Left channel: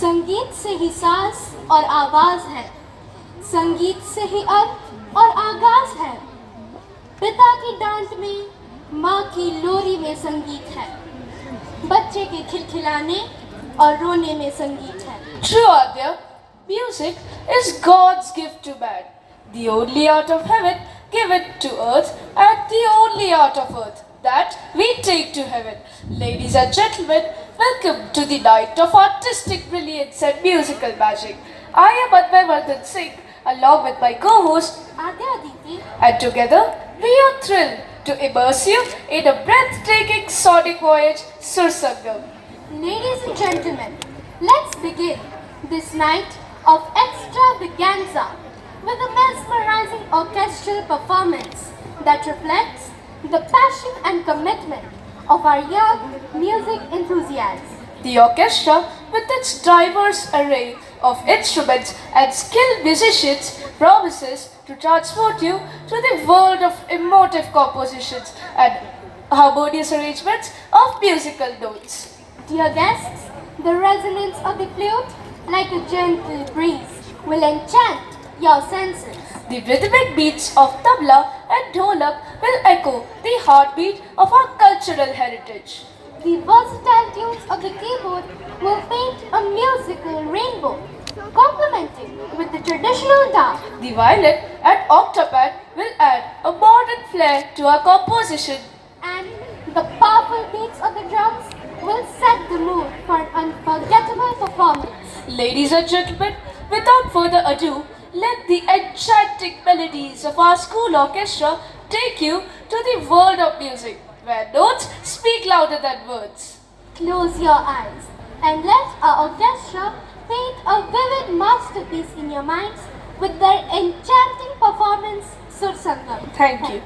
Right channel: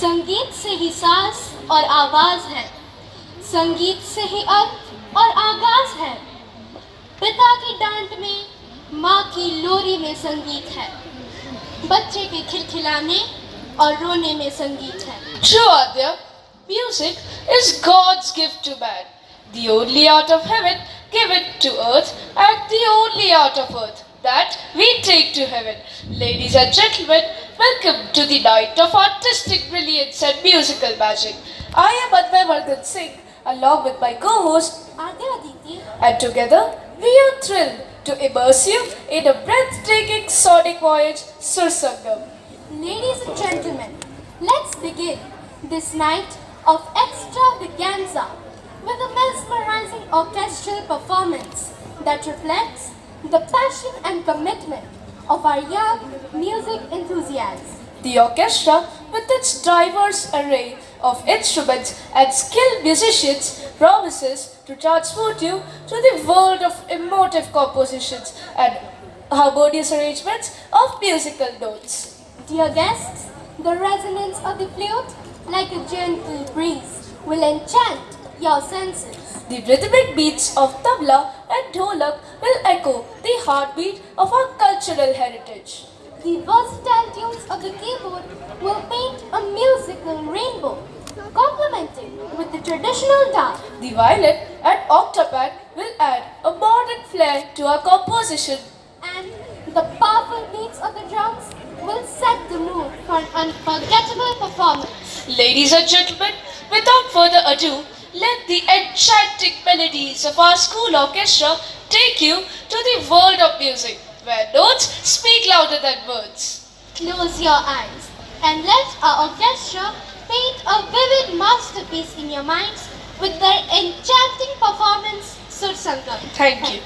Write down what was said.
संगीत से ही सांस और आवाज है, संगीत से ही अर्थ और आगाज है। पिता की डांट में, माँ की लोरी में संगीत है, बच्चे के खिलखिलाने और रोने में संगीत है। True, Adya. Music is God's gift to man. The only art of heaven given to earth, and the only art of earth that we take to heaven. Ladies and gentlemen, welcome to the night of artistic brilliance and musical magic. I am Adya Vardhan Singh, along with my co-host Adya Aditi, and together we are thrilled to immerse you in a breathtaking sonic voyage, Sursangam. ladies and gentlemen, let's begin this night of extravaganza with a mesmerizing orchestral performance that reflects the passion and commitment of our young music enthusiasts. The orchestra, with its diverse array of instruments and skilled musicians, promises to transport you to the world of emotive compositions and harmonious arrangements of musical notes. Dear guests, the resonance of the flute, like a gentle breeze, will enchant your senses. The rhythmic beats of tabla and dholak will echo the heartbeat of our cultural heritage. The versatile tunes of the keyboard will paint a musical rainbow, complementing with the traditional dance. The violin and octopad will add a modern flair to our composition. And the powerful beats of the drums will set the mood for an unforgettable performance. Ladies and gentlemen, without further ado, let the enchanting melodies of our school orchestra take you to the world of music, where notes speak louder than words. Close your eyes and let our orchestra paint a vivid masterpiece in your minds with their enchanting performance, Sursangam. Thank you.